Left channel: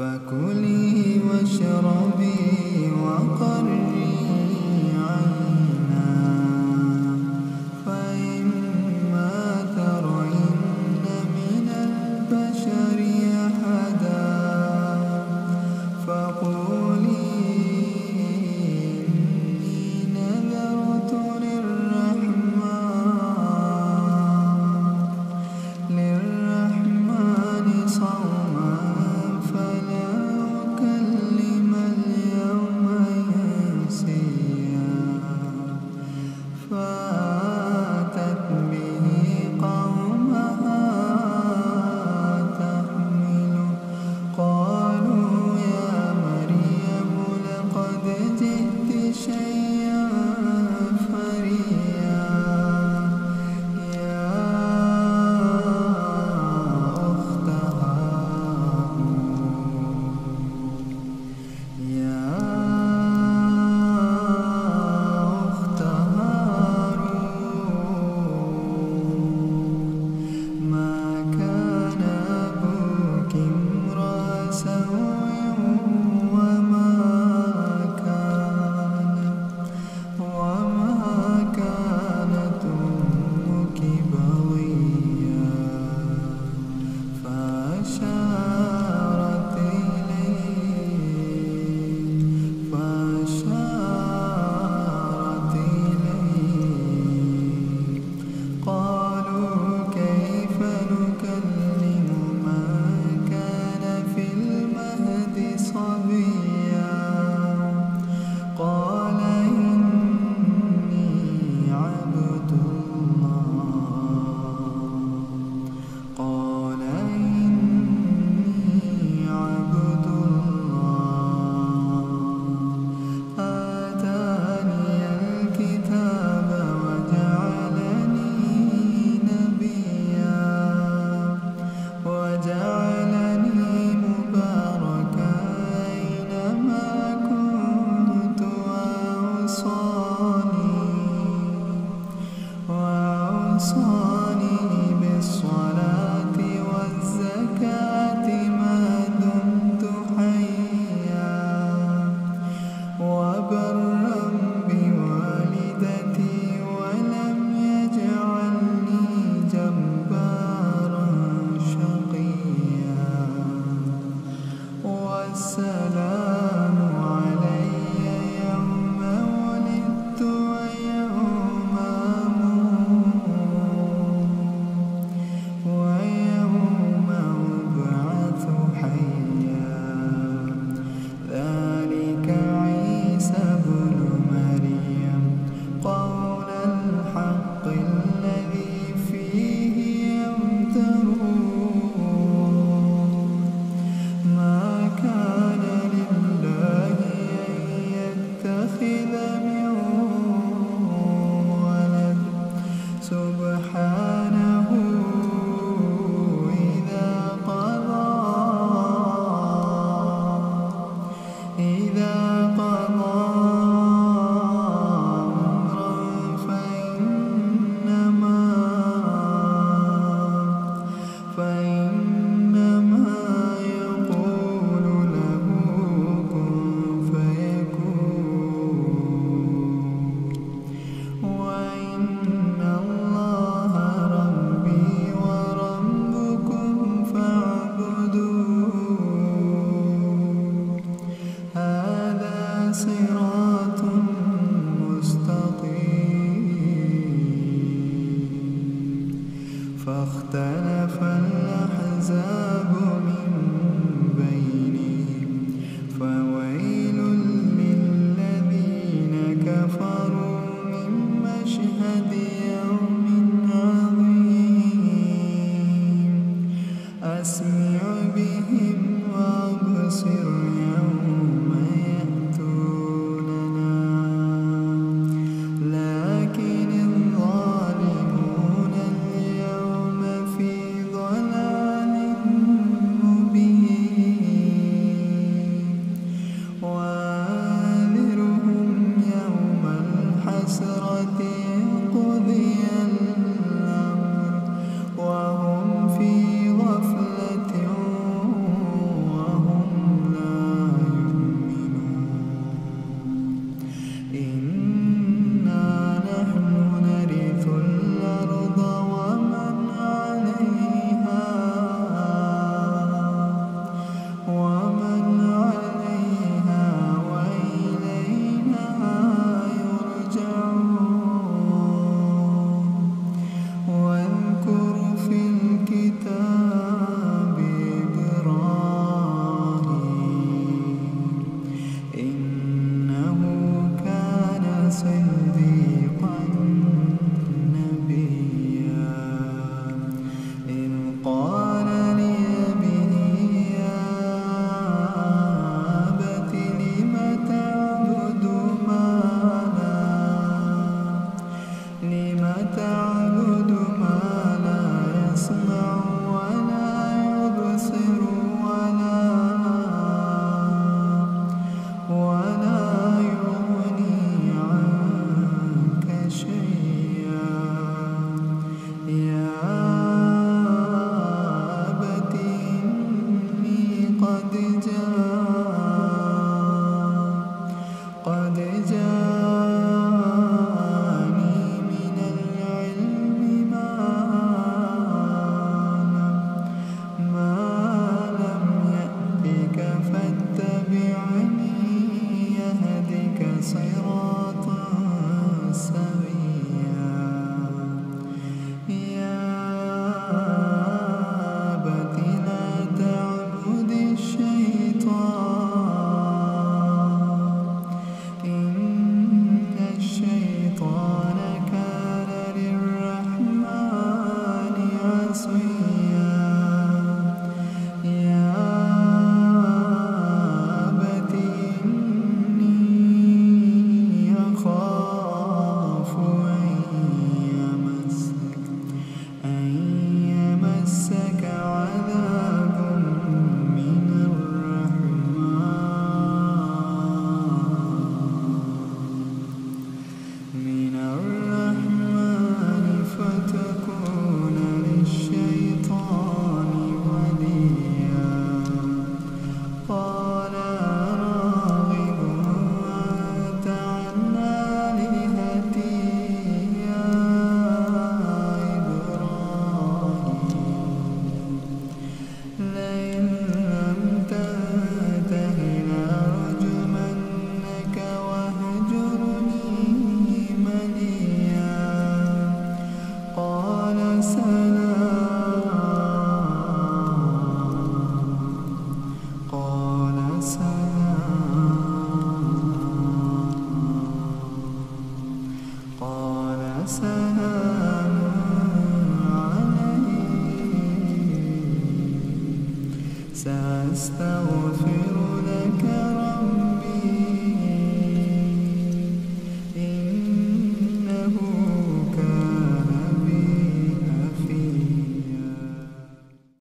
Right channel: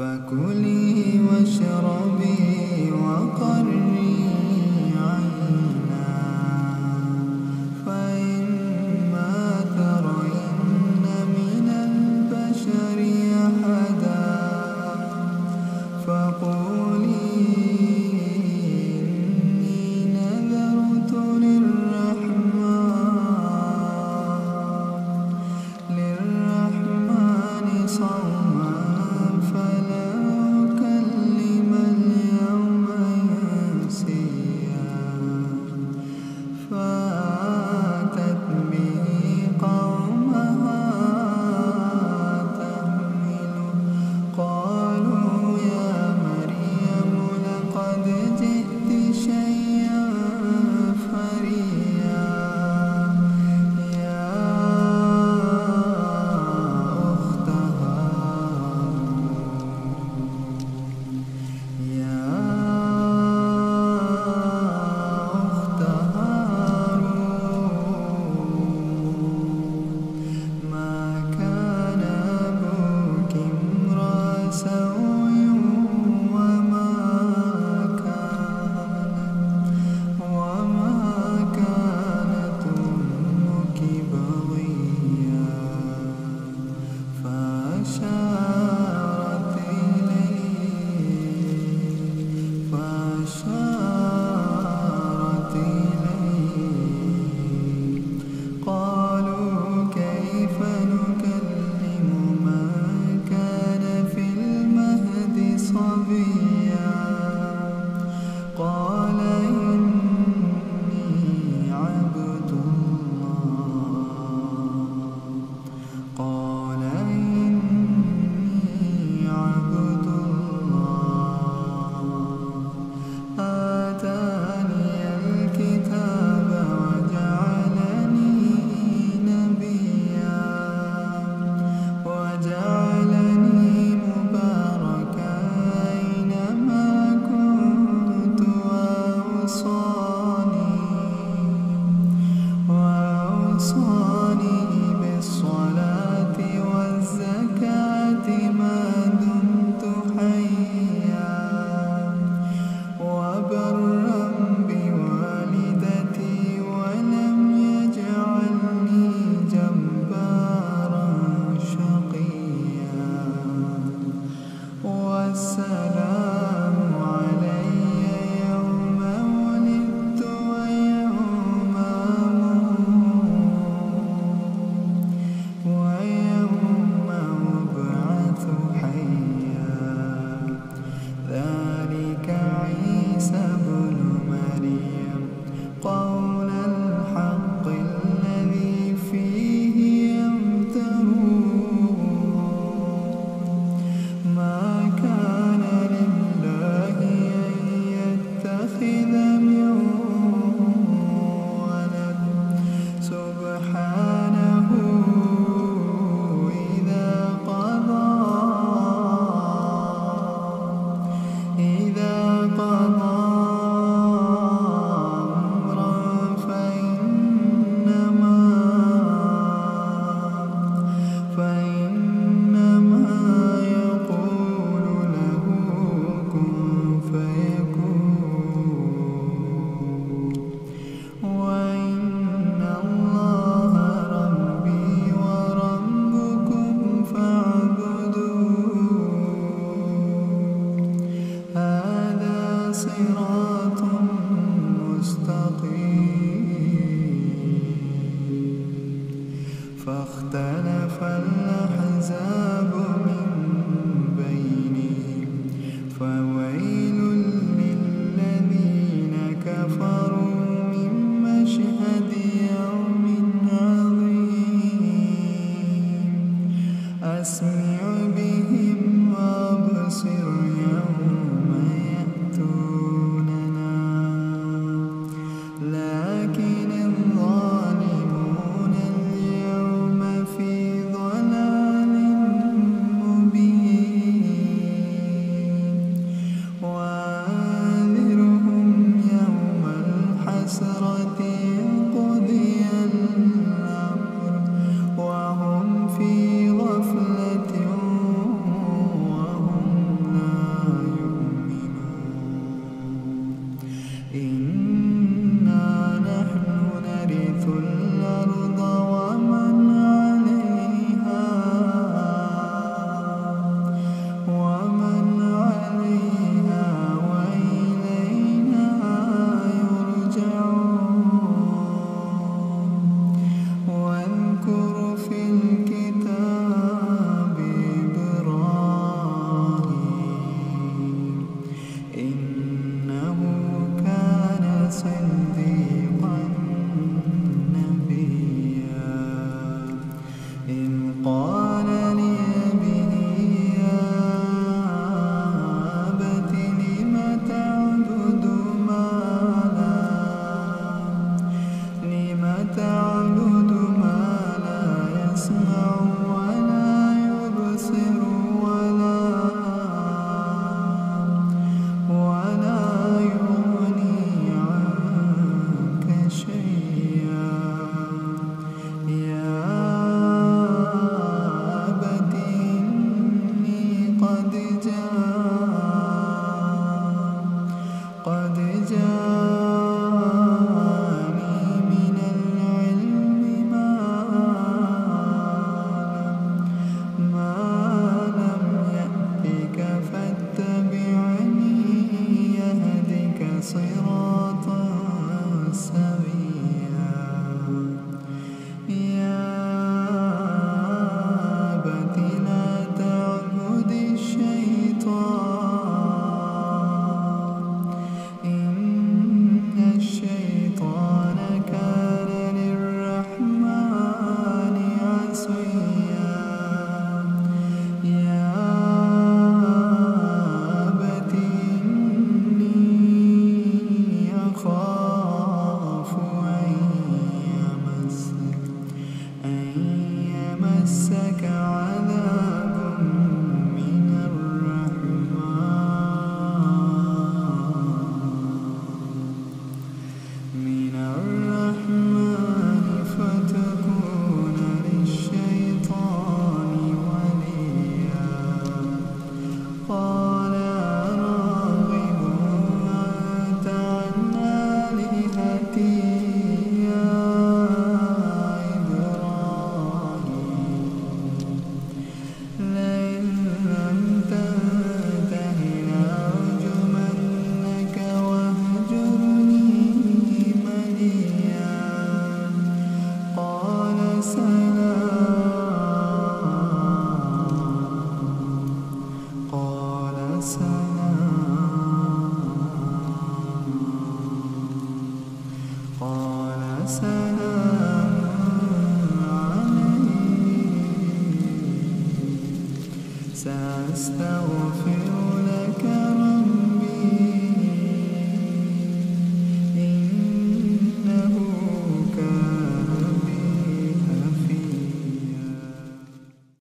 فكلي واشربي وقري عينا، فإما ترين من البشر أحدا فقولي إني نذرت للرحمن صوما فلا أكلم اليوم إنسيا. فأتت به قومها تحمله قالوا يا مريم لقد جئت شيئا فريا. يا أخت هارون ما كان أبوك امرأ سوء وما كانت أمك بغيا. فأشارت إليه قالوا كيف نكلم من كان في المهد صبيا. قال إني عبد الله آتاني الكتاب وجعلني نبيا وجعلني مباركا أينما كنت وأوصاني بالصلاة والزكاة ما دمت حيا وبرا بوالدتي ولم يجعلني جبارا شقيا. والسلام علي يوم ولدت ويوم أموت ويوم أبعث حيا. ذلك عيسى بن مريم قول الحق الذي فيه يمترون. ما كان قد جاءني من العلم ما لم يأتك فاتبعني يهدك صراطا سويا يا أبت لا تعبد الشيطان إن الشيطان كان للرحمن عصيا يا أبت إني أخاف أن يمسك عذاب من الرحمن فتكون للشيطان وليا قال راغب أنت عن آلهتي يا إبراهيم لئن لم تنته لأرجمنك واهجرني مليا قال سلام عليك سأستغفر لك ربي